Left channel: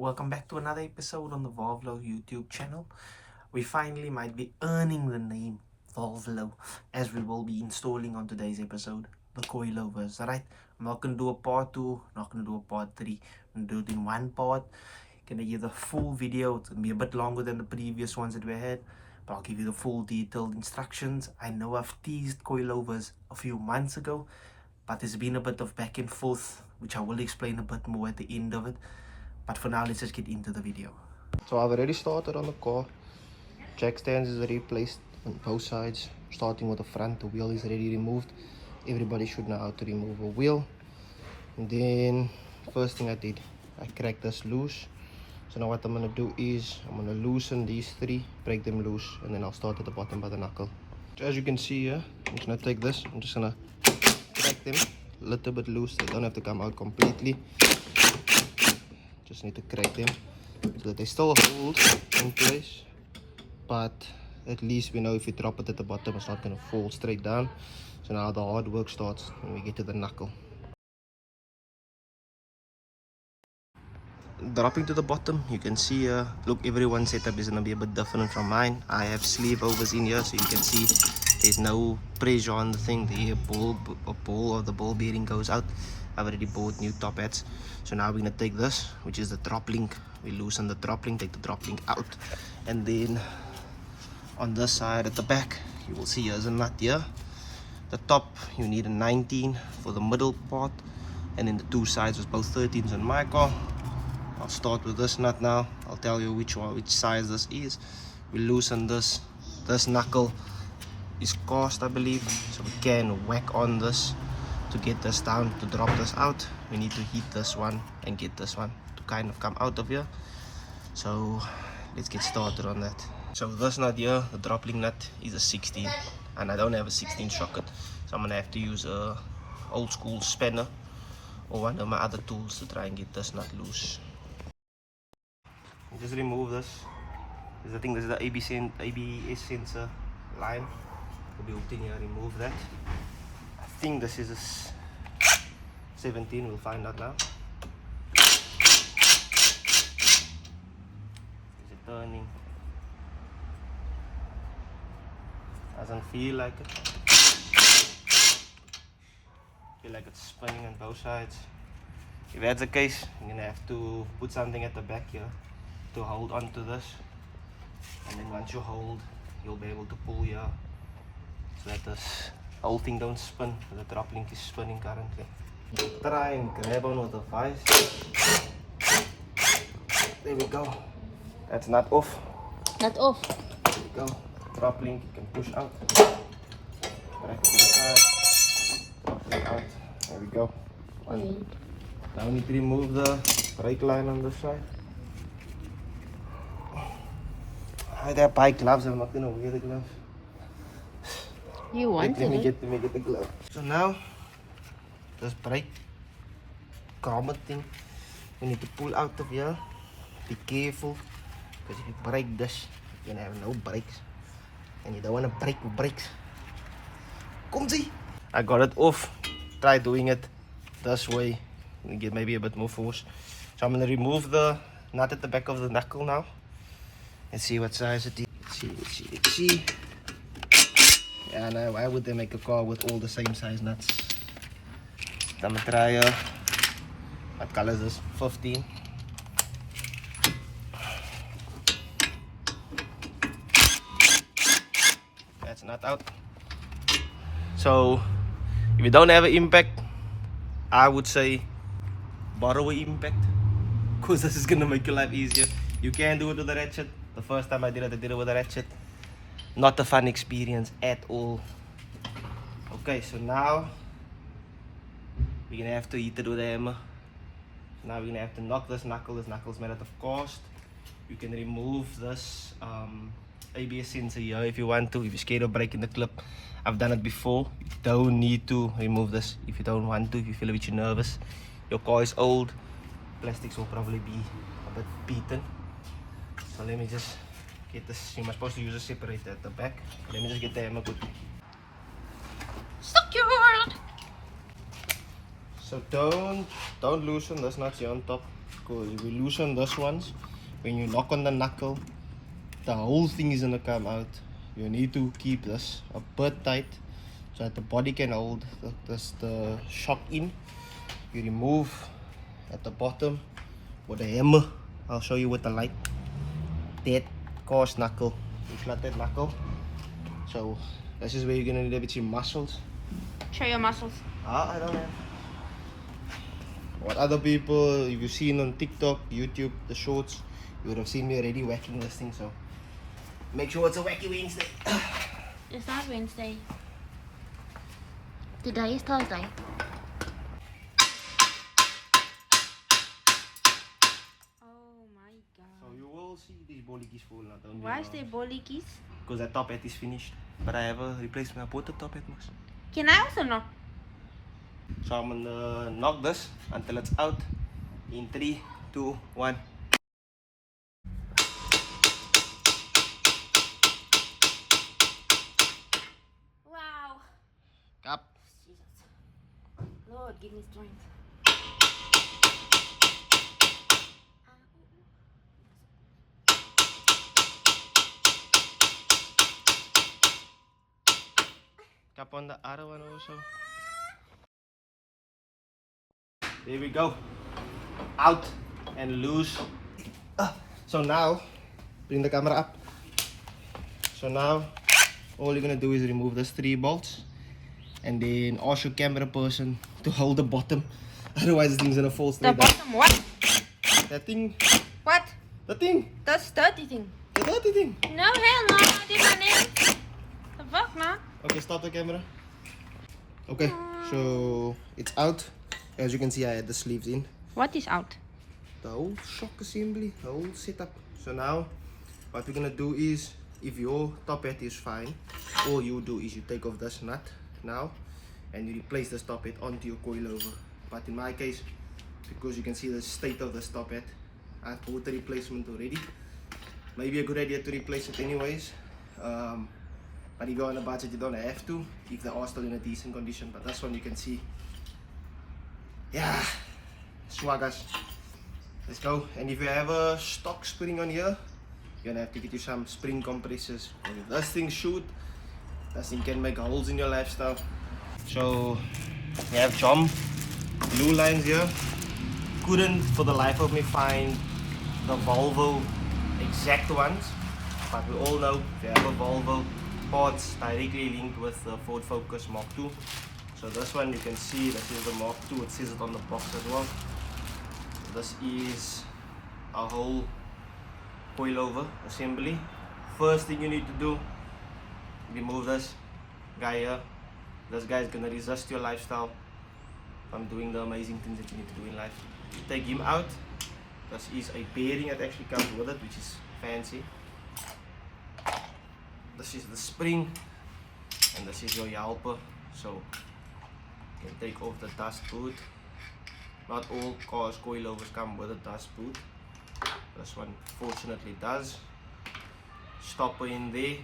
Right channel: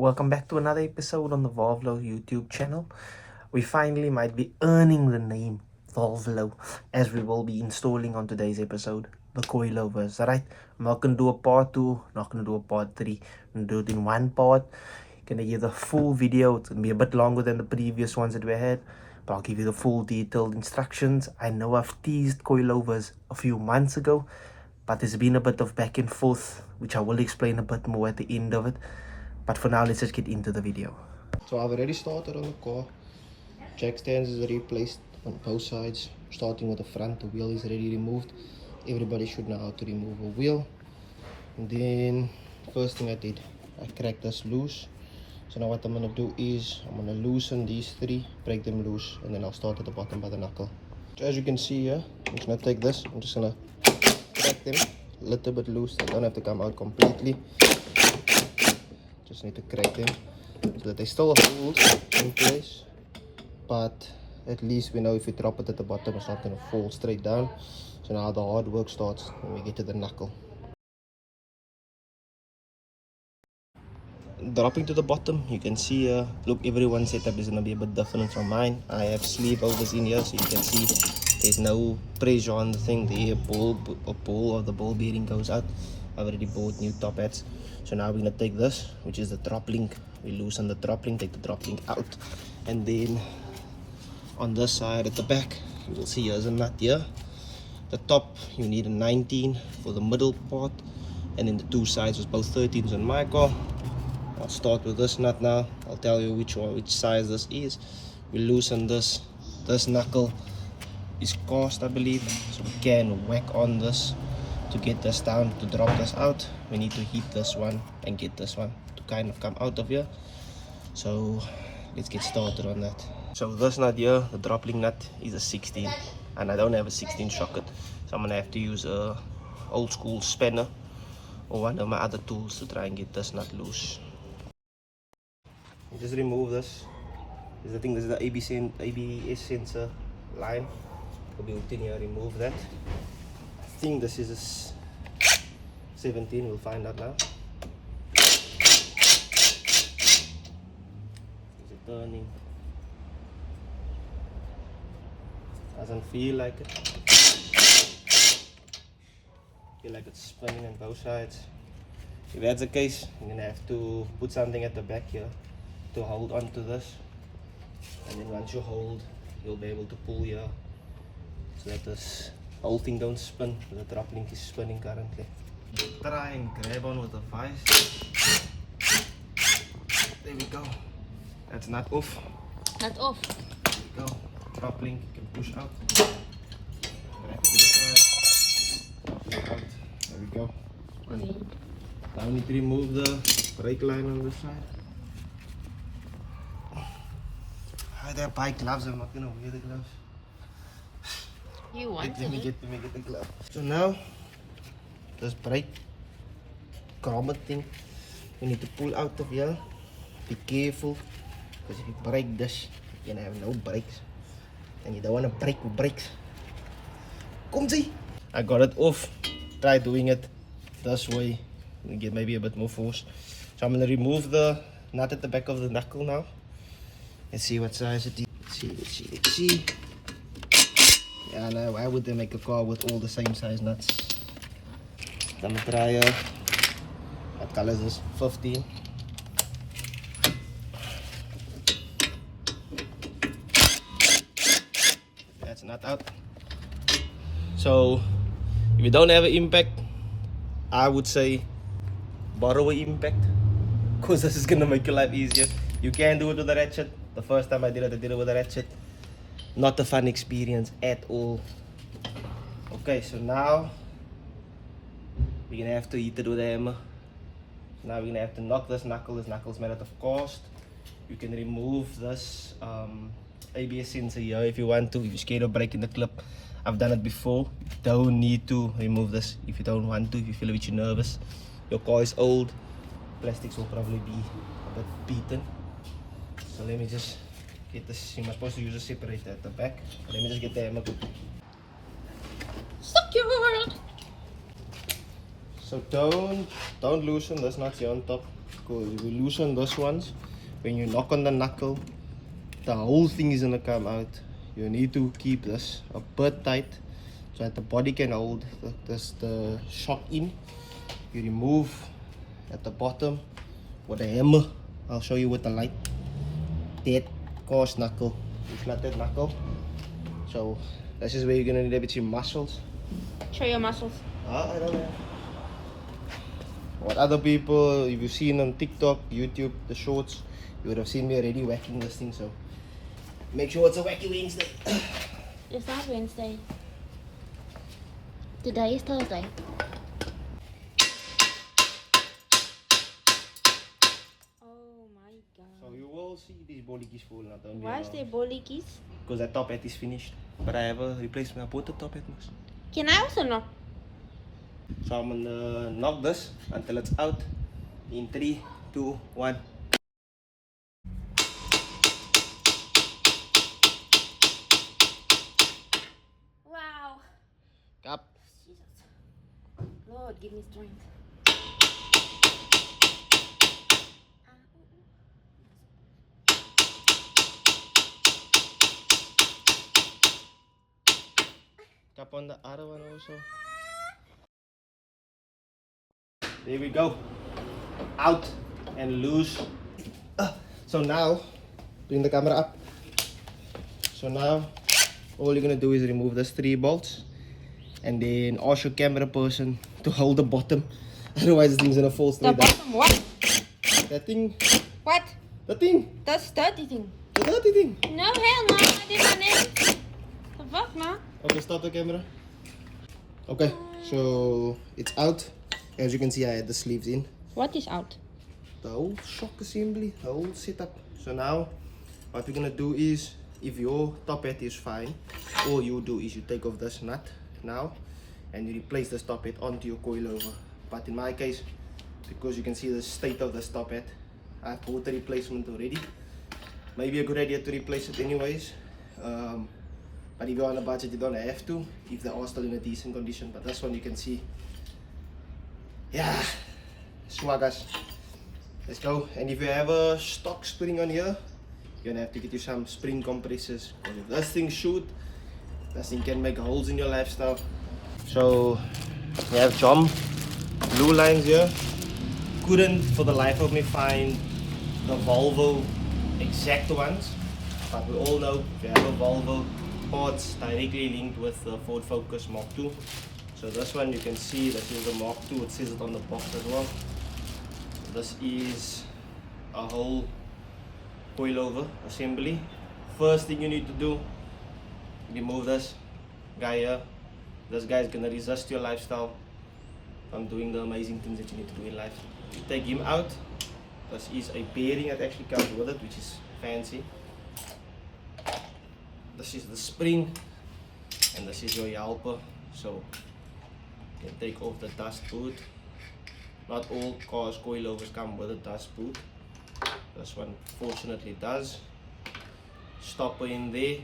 Welcome back to another episode on the Volv-lo YouTube channel. We finally might be earning the name Volv-lo, as we will be installing on today's episode the coilovers. Alright, I'm not gonna do a part 2, not gonna do a part 3, I'm gonna do it in one part. Gonna give the full video. It's gonna be a bit longer than the previous ones that we had, but I'll give you the full detailed instructions. I know I've teased coilovers a few months ago, but there's been a bit of back and forth, which I will explain a bit more at the end of it. But for now, let's just get into the video. So I've already started on the car. Jack stands is replaced on both sides. Starting with the front, the wheel is already removed. Everybody should know how to remove a wheel. And then first thing I did, I cracked this loose. So now what I'm gonna do is I'm gonna loosen these three, break them loose, and then I'll start at the bottom by the knuckle. So as you can see here, I'm just gonna take this, I'm just gonna crack them a little bit loose. They don't have to come out completely. Just need to crack them so that they still hold in place, but at least we know if we drop it at the bottom it's not going to fall straight down. So now the hard work starts when we get to the knuckle. Dropping to the bottom, you can see look, everyone's setup is going to be a bit different from mine. I have sleeve overs in here, so you can see there's no pressure on the thing. The ball of the ball bearing goes out. I've already bought new top hats. So now we're gonna take this, which is the drop link. We loosen the drop link, take the drop link out, and then on this side at the back you will see here's a nut here. The top you need a 19 for the middle part, and then the two sides was both 13s on my car. I'll start with this nut now. I'll tell you which size this is. We loosen this knuckle is cast, I believe, so we can whack on this to get this down. To drop this out, we need to hit this one and get this one to kind of come out of here. So let's get started on that. So this nut here, the drop link nut, is a 16, and I don't have a 16 socket, so I'm gonna have to use a old school spanner or one of my other tools to try and get this nut loose. Just remove this. I think this is the ABS sensor line. Will be hooked in here. Remove that. I think this is a 17. We'll find out now. Is it turning? Doesn't feel like it. Feel like it's spinning on both sides. If that's the case, you're gonna have to put something at the back here to hold on to this, and then once you hold, you'll be able to pull here so that this whole thing don't spin. The drop link is spinning currently. Try and grab on with the vise. There we go. That's not off. Not off. There we go. Drop link, you can push out. Back to the side. Drop link out. There we go. One. Now we need to remove the brake line on the side. I have bike gloves. I'm not gonna wear the gloves. You want Let me get the glove. So now, this brake grommet thing, you need to pull out of here. Be careful, because if you break this, you're gonna have no brakes, and you don't want to break with brakes. Come see. I got it off. Try doing it this way. You get maybe a bit more force. So I'm gonna remove the nut at the back of the knuckle now. Let's see what size it is. Let's see. Yeah, no, why would they make a car with all the same size nuts? I'm gonna try, what color is this? 15. That's not out. So, if you don't have an impact, I would say borrow an impact, because this is gonna make your life easier. You can do it with a ratchet. The first time I did it with a ratchet. Not a fun experience at all. Okay, so now we're gonna have to hit it with a hammer. So now we're gonna have to knock this knuckle. This knuckle is made out of cast. You can remove this ABS sensor here if you want to. If you're scared of breaking the clip, I've done it before. You don't need to remove this if you don't want to. If you feel a bit nervous, your car is old, plastics will probably be a bit beaten. So let me just get this. You're supposed to use a separator at the back. Let me just get the hammer quickly. Stuck your world. So don't loosen this nut here on top. because if you loosen this ones, when you knock on the knuckle, the whole thing is gonna come out. You need to keep this a bit tight so that the body can hold the shock in. You remove at the bottom with a hammer. I'll show you with the light. That coarse knuckle. You flat that knuckle. So this is where you're gonna need a bit of muscles. Show your muscles. I don't know. What other people you've seen on TikTok, YouTube, the shorts, you would have seen me already whacking this thing. So make sure it's a wacky Wednesday. It's not Wednesday. Today is Thursday. Oh my god. So you will see these bollies fall now. Don't Why is there bollies? Because that top hat is finished. But I have a replacement. I bought the top hat. Can I also know? So I'm gonna knock this until it's out in 3, 2, 1. Wow. Up. Jesus. Lord, give me strength. Up on the other one also. There we go. Out and loose. So now, bring the camera up. So now, all you're gonna do is remove these 3 bolts, and then ask your camera person to hold the bottom. Otherwise, this thing's gonna fall The straight down. bottom what? That thing. What? The thing. That's dirty thing. The dirty thing. No, hell no. I did my nails. The fuck, man? Okay, stop the camera. Okay, so it's out. As you can see, I had the sleeves in. What is out? The whole shock assembly, the whole setup. So now, what we're gonna do is, if your top hat is fine, all you do is you take off this nut now, and you replace this top hat onto your coilover. But in my case, because you can see the state of this top hat, I've bought the replacement already. Maybe a good idea to replace it anyways. But if you're on a budget, you don't have to, if they are still in a decent condition. But this one you can see, yeah, swaggas. Let's go. And if you have a stock spring on here, you're gonna have to get you some spring compressors. Because if this thing shoot, this thing can make holes in your lifestyle. So you have John Bluelines here. Couldn't for the life of me find the Volvo exact ones, but we all know if you have a Volvo, parts directly linked with the Ford Focus Mark II. So this one you can see, this is the Mark II, it says it on the box as well. This is a whole coilover assembly. First thing you need to do, remove this guy here. This guy is gonna resist your lifestyle from doing the amazing things that you need to do in life. You take him out. This is a bearing that actually comes with it, which is fancy. This is the spring, and this is your helper. So you can take off the dust boot. Not all cars coilovers come with a dust boot. This one fortunately does. Stopper in there.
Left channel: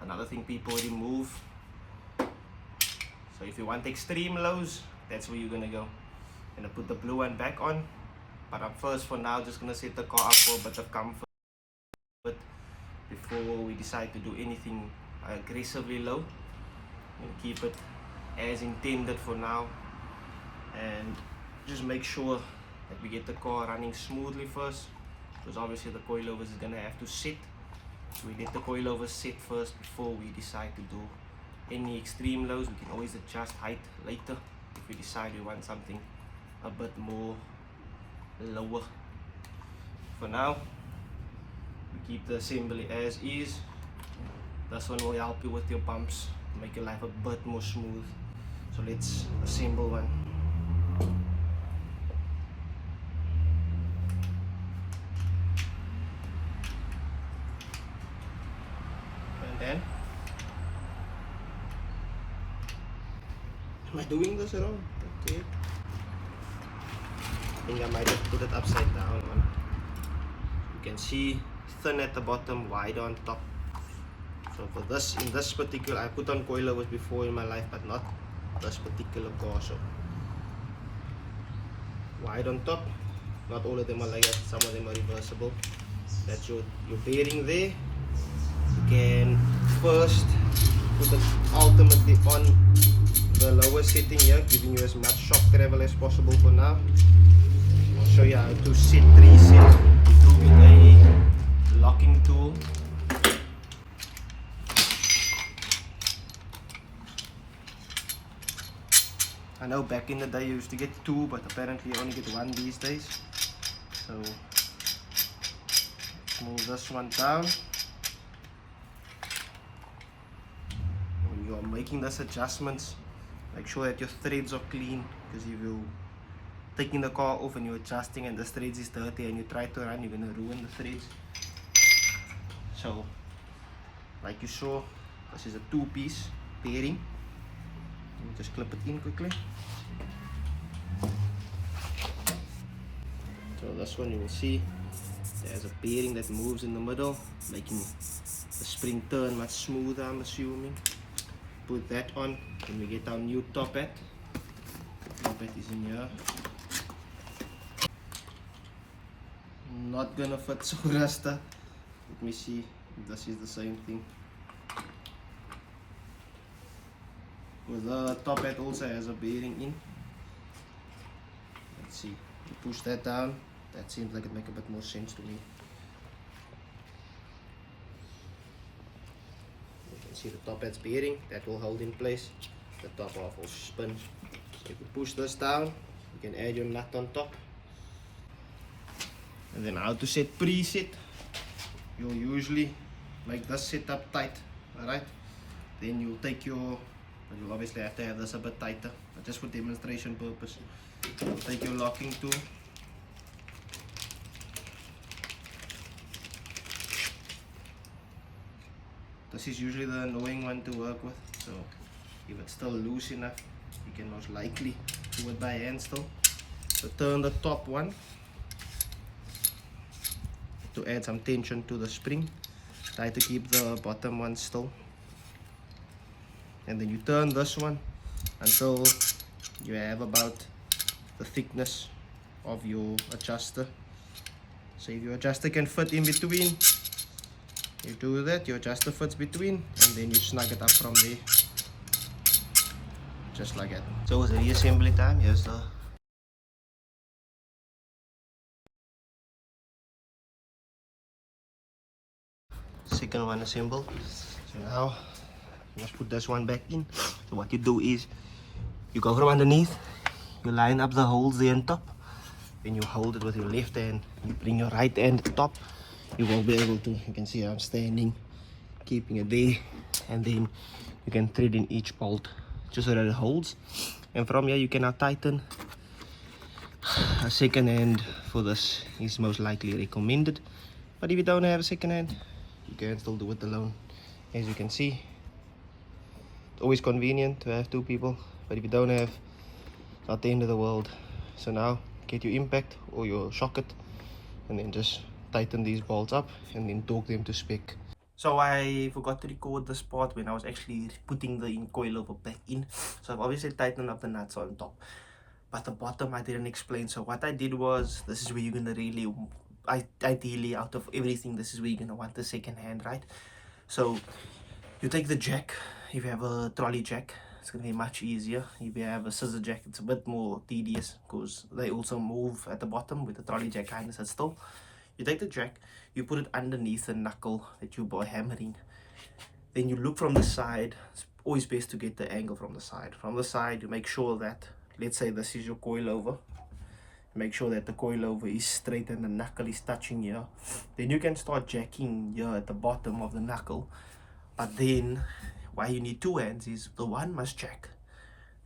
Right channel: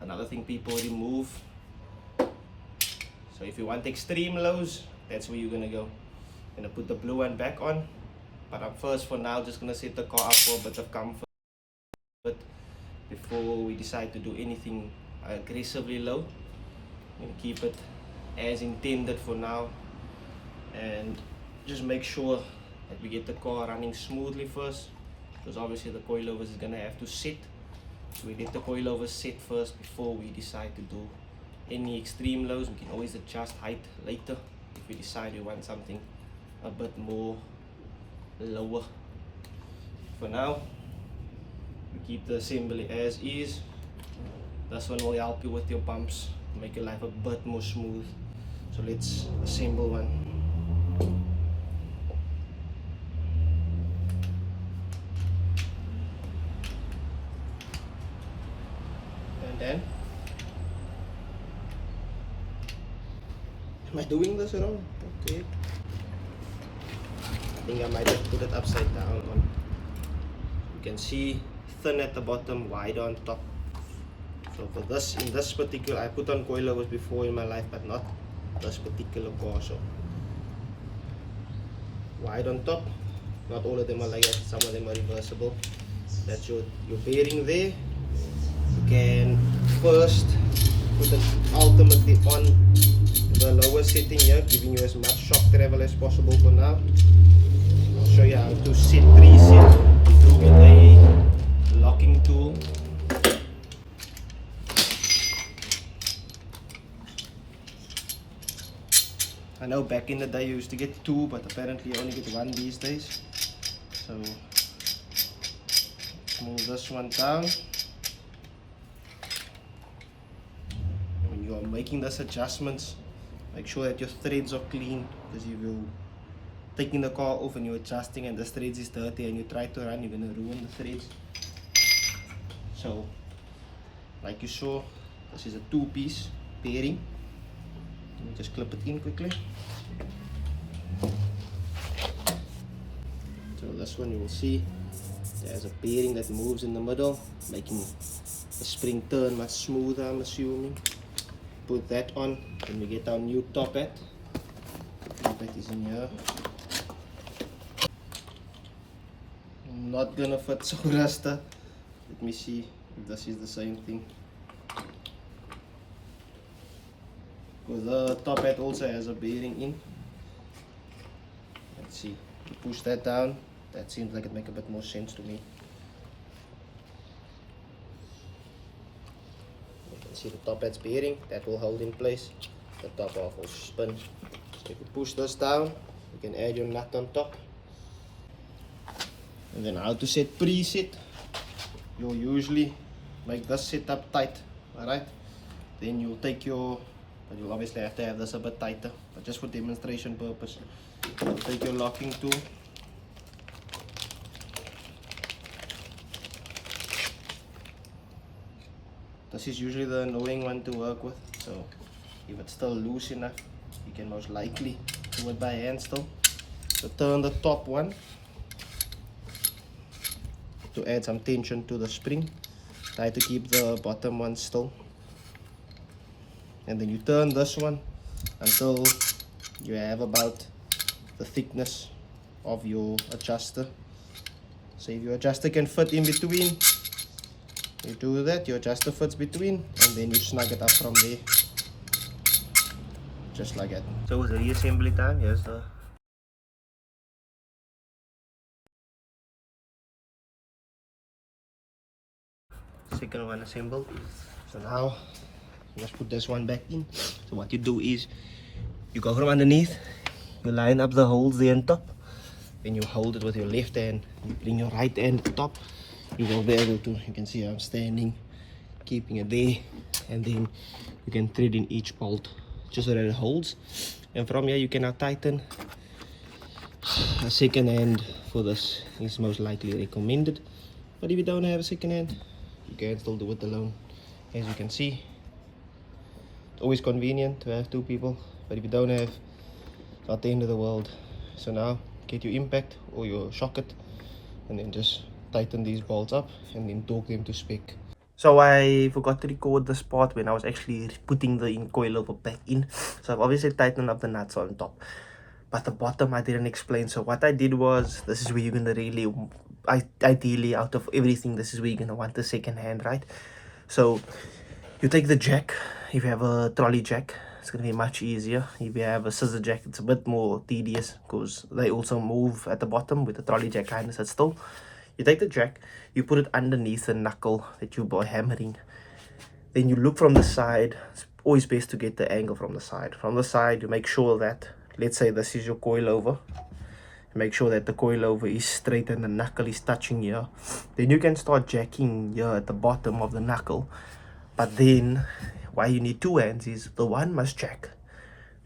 Another thing people remove. So if you want extreme lows, that's where you're gonna go. Gonna put the blue one back on. But I'm first for now just gonna set the car up for a bit of comfort before we decide to do anything aggressively low. I'm gonna keep it as intended for now, and just make sure that we get the car running smoothly first, because obviously the coilovers is gonna have to sit. So we let the coilovers sit first before we decide to do any extreme lows. We can always adjust height later if we decide we want something a bit more lower. For now, we keep the assembly as is. This one will help you with your bumps, make your life a bit more smooth. So let's assemble one. And then, am I doing this at all? Okay. I think I might just put it upside down. You can see thin at the bottom, wide on top. So for this, in this particular, I put on coilovers before in my life, but not this particular car. So wide on top, Not all of them are like that, some of them are reversible. That's your bearing there. You can first put them ultimately on the lower setting here, giving you as much shock travel as possible for now. I'll show you how to set, preset. Do with a locking tool. I know back in the day you used to get two, but apparently you only get one these days. So let's move this one down. When you are making these adjustments, make sure that your threads are clean, because if you're taking the car off and you're adjusting and the threads is dirty and you try to run, you're going to ruin the threads. So like you saw, this is a two-piece bearing. Let me just clip it in quickly. So this one you will see there's a bearing that moves in the middle, making the spring turn much smoother, I'm assuming. Put that on, and we get our new top hat. The top hat is in here. Not gonna fit so rasta. Let me see if this is the same thing. Because the top hat also has a bearing in. Let's see. You push that down. That seems like it makes a bit more sense to me. You can see the top hat's bearing. That will hold in place. The top half will spin. So if you push this down, you can add your nut on top. And then how to set preset. You'll usually make this setup tight. Alright. Then you'll take your, but you'll obviously have to have this a bit tighter, but just for demonstration purpose. You'll take your locking tool. This is usually the annoying one to work with, so if it's still loose enough, you can most likely do it by hand still. So turn the top one to add some tension to the spring. Try to keep the bottom one still. And then you turn this one until you have about the thickness of your adjuster. So if your adjuster can fit in between, you do that, your adjuster fits between, and then you snug it up from there. Just like that. So it's a reassembly time. Here's the second one assembled. So now just put this one back in. So what you do is you go from underneath, you line up the holes there on top, then you hold it with your left hand, you bring your right hand to top. You will be able to, you can see I'm standing, keeping it there, and then you can thread in each bolt just so that it holds. And from here you can now tighten. A second hand for this is most likely recommended, but if you don't have a second hand, you can still do it alone. As you can see, it's always convenient to have two people, but if you don't have, it's not the end of the world. So now get your impact or your socket, and then just tighten these bolts up and then torque them to spec. So I forgot to record this part when I was actually putting the coilover back in. So I've obviously tightened up the nuts on top, but the bottom I didn't explain. So what I did was, this is where you're gonna really, ideally out of everything, this is where you're gonna want the second hand, right? So you take the jack. If you have a trolley jack, it's gonna be much easier. If you have a scissor jack, it's a bit more tedious because they also move at the bottom. With the trolley jack kind of sit still. You take the jack, you put it underneath the knuckle that you are hammering. Then you look from the side. It's always best to get the angle from the side. From the side, you make sure that, let's say this is your coilover. Make sure that the coilover is straight and the knuckle is touching here. Then you can start jacking here at the bottom of the knuckle. But then, why you need two hands is the one must jack,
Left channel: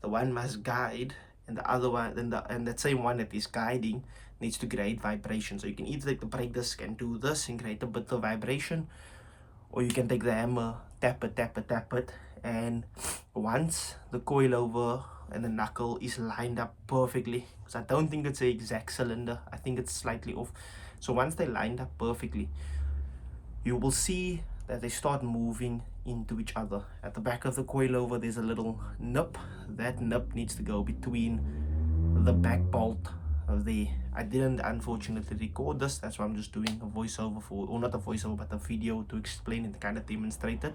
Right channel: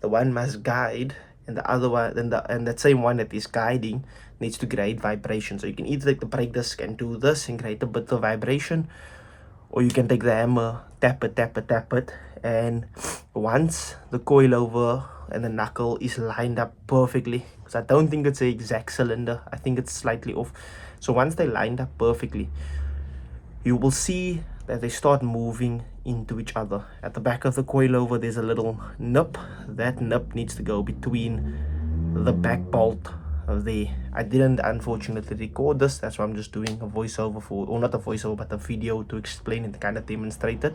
the one must guide, and the other one, and that same one that is guiding needs to create vibration. So you can either take the brake disc and do this and create a bit of vibration, or you can take the hammer, tap it, tap it, tap it, and once the coilover and the knuckle is lined up perfectly, because I don't think it's the exact cylinder, I think it's slightly off. So once they lined up perfectly, you will see that they start moving into each other. At the back of the coilover, there's a little nip. That nip needs to go between the back bolt I didn't unfortunately record this. That's why I'm just doing a voiceover for, or not a voiceover, but a video to explain and kind of demonstrate it.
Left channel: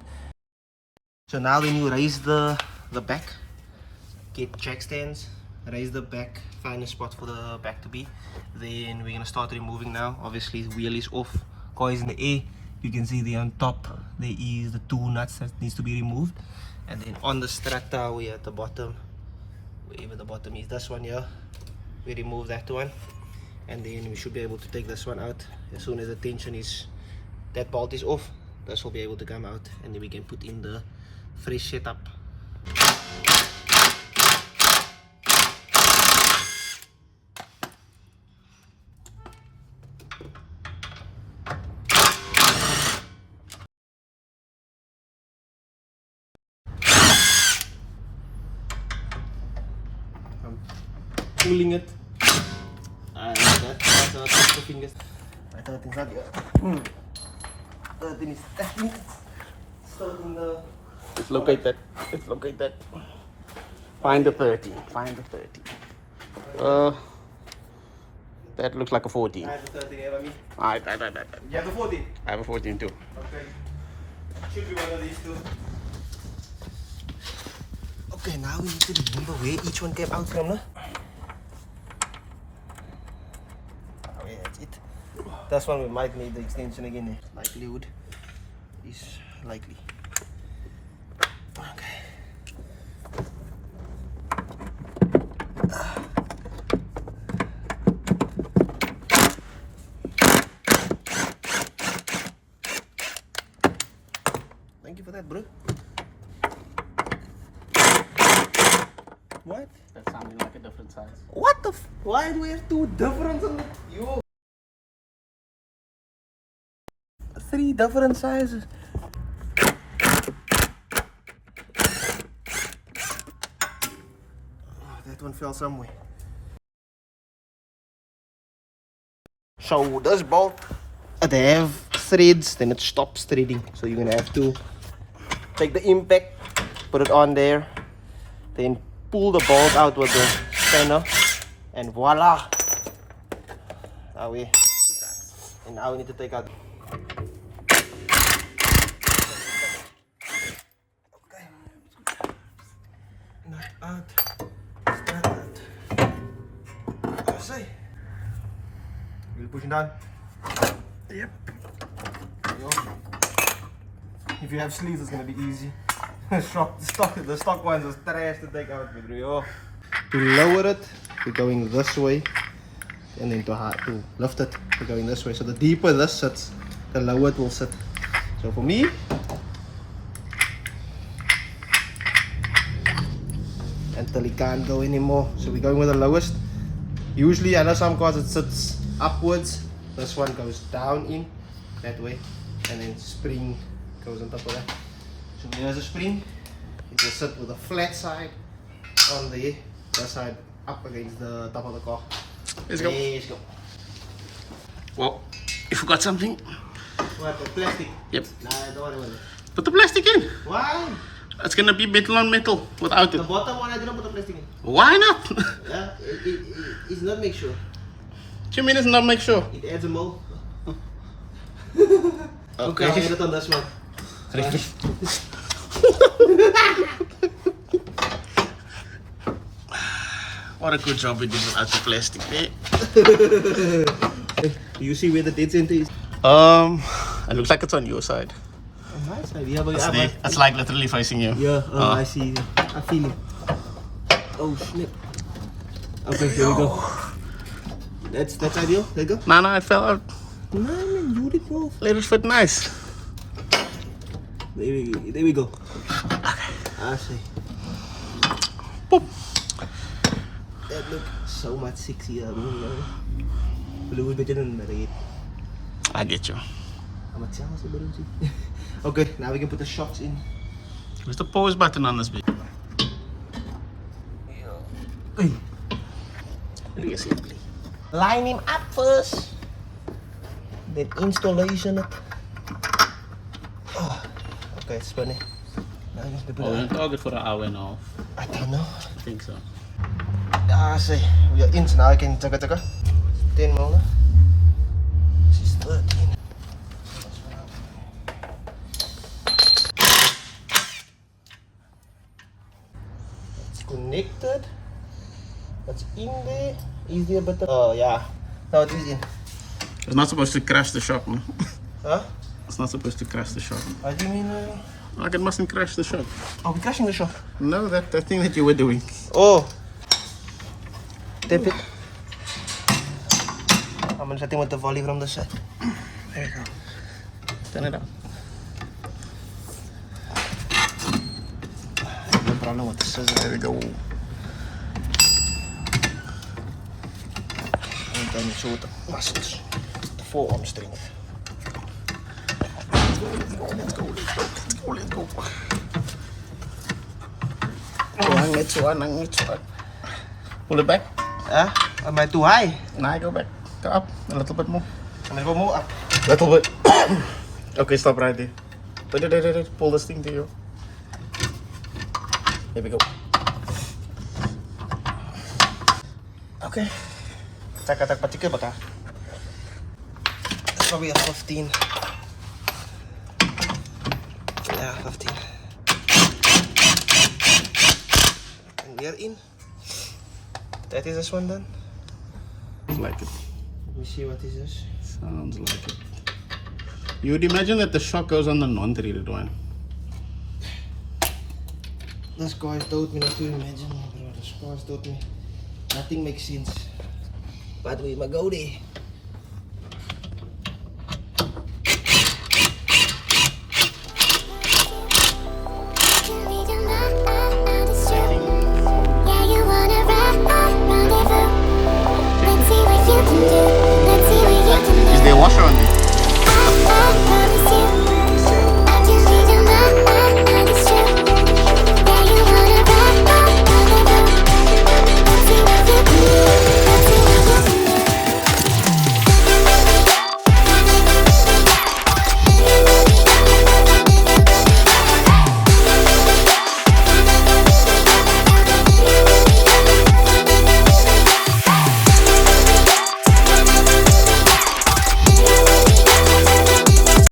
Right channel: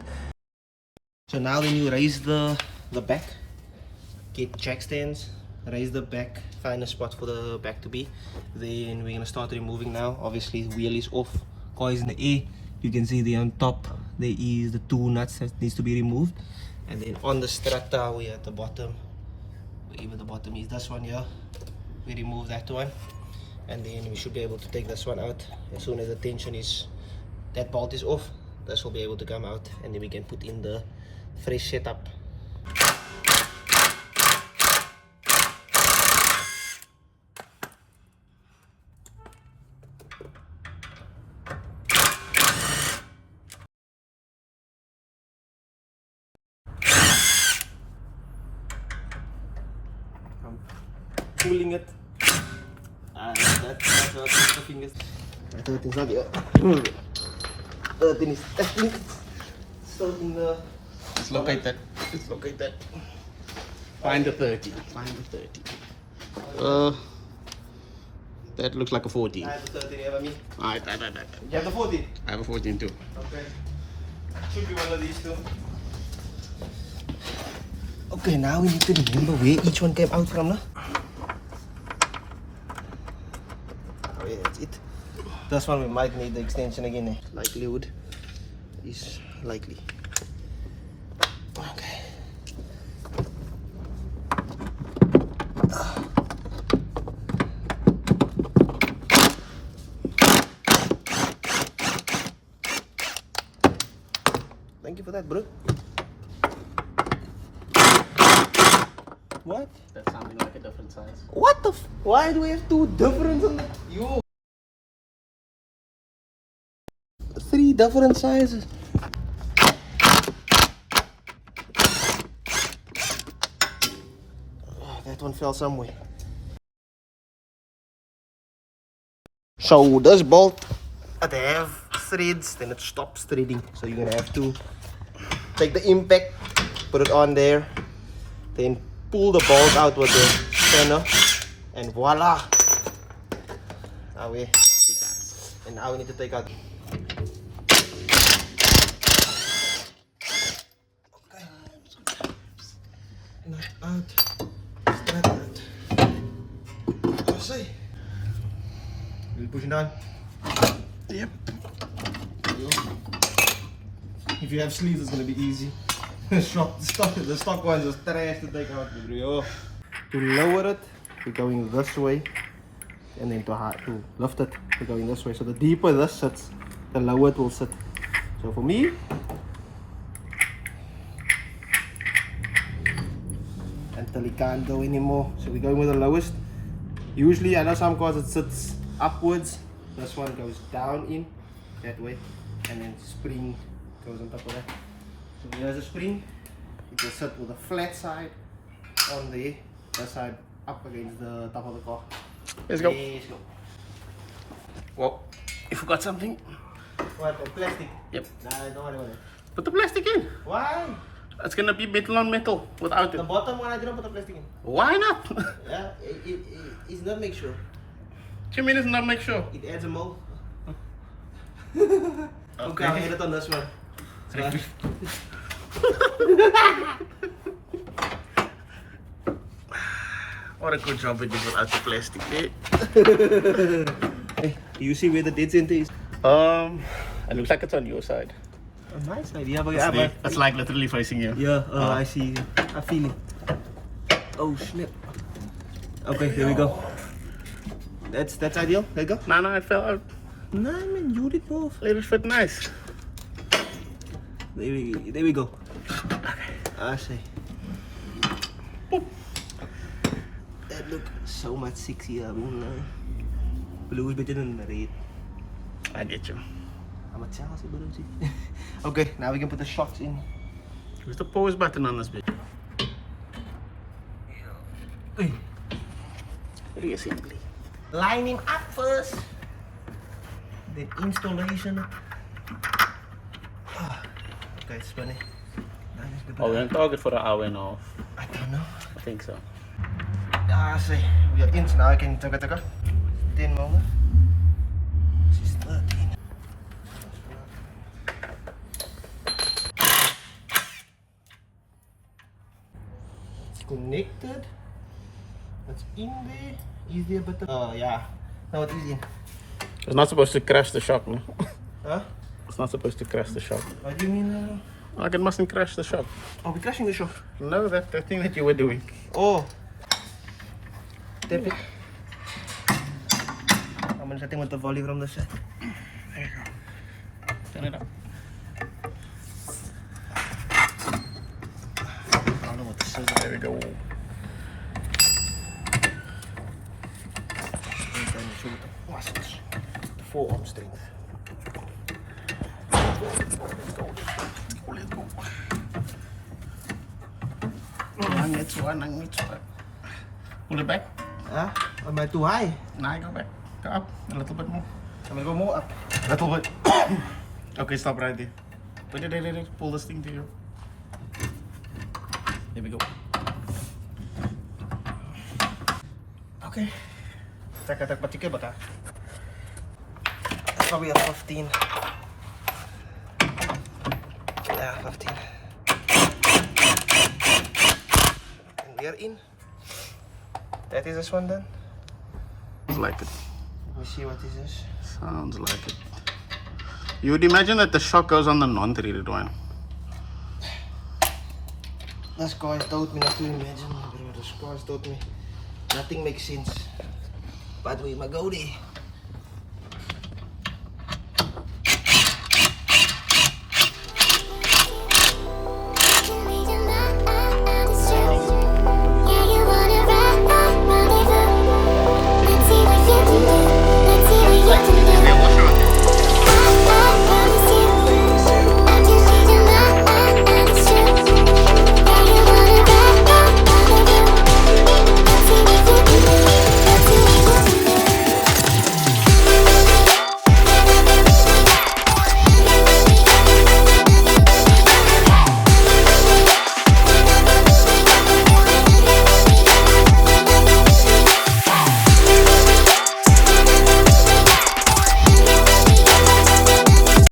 So now when you raise the back, get jack stands, raise the back, find a spot for the back to be. Then we're gonna start removing now. Obviously wheel is off, car is in the air. You can see there on top there is the two nuts that needs to be removed. And then on the strut we're at the bottom, wherever the bottom is, this one here, we remove that one. And then we should be able to take this one out as soon as the tension is, that bolt is off. This will be able to come out, and then we can put in the fresh setup. I'm pulling it. That's the fingers. I thought it's not here. The thing is testing. So in the, it's located. It's located. Find the 30. Find the 30. That looks like a 14. I have the 30 here, me. Alright. You have the 14? I have a 14 too. Okay. Should be one of these two. Okay, now we need to remember where each one came out from, no? Yeah, that's it. That's one we might need the extension again. Eh? Likelihood is likely. Okay. Thank you for that, bro. What? That sounded like a different size. What the why do we have two different on the, yo? 3 different sizes. Oh, that one fell somewhere. So this bolt, it have threads, then it stops threading. So you're gonna have to take the impact, put it on there, then pull the bolt out with the spanner, and voila! Away. And now we need to take out. Okay. Not out. Start out. Oh, say. Will push it down. Yep. If you have sleeves, it's gonna be easy. The stock ones are trash to take out, bro. To lower it, we're going this way, and then to lift it, we're going this way. So the deeper this sits, the lower it will sit. So for me, until it can't go anymore, so we're going with the lowest. Usually, I know some cars it sits upwards. This one goes down in that way, and then spring goes on top of that. So here's a spring. It will sit with a flat side on there. That side up against the top of the car. Let's go. Let's go. Well, you forgot something. What, the plastic? Yep. Nah, I don't want it. Put the plastic in. Why? It's gonna be metal on metal without The it. bottom one, I didn't put the plastic in. Why not? Yeah, it's not make sure. 2 minutes not make sure. It adds a mole. Okay. Okay, I'll get it on this one. What a good job we did without the plastic there. You see where the dead center is? It looks like it's on your side. On my side, yeah, but It's there. It's like literally facing you. Yeah, I see. I feel it. Oh, snap. Okay, here we go. That's ideal. There you go. No, it fell out. No, man, you did both. Let it fit nice. There we go. I see. Boop. That look so much sexier. Blue is better than red. I get you. Okay, now we can put the shocks in. Where's the pause button on this bit? Line him up first. Then installation it. Oh, okay, it's funny. Oh, we're on target for an hour and a half. I don't know. I think so. Ja, see, we are in, so now I can check it. 10 mil. This is 13. It's connected. That's in there. Is there a bit of... Oh, yeah. Now it is in. It's not supposed to crash the shock, no? Huh? It's not supposed to crash the shock. What do you mean? Like it mustn't crash the shock. Are we crashing the shock? No, that thing that you were doing. Oh. Tap it. I'm gonna set him with the volume from the side. There you go. Turn it up. No problem with the scissors. There we go. And then show the muscles. The forearm strength. Let's go. Let's go. Pull it back. Huh? Am I too high? Now go back. Go up a little bit more. I'm gonna go more up. Little bit. Okay, stop right there. Wait. Pull this thing to you. There we go. Okay. Tak patikir bakal. That's probably a 15. Yeah, 15. And we are in. That is this one done. Sounds like it. Let me see what is this. Sounds like it. You would imagine that the shock goes on the non-treated one. This guy told me not to imagine, bro. This guy told me nothing makes sense. But we might go there.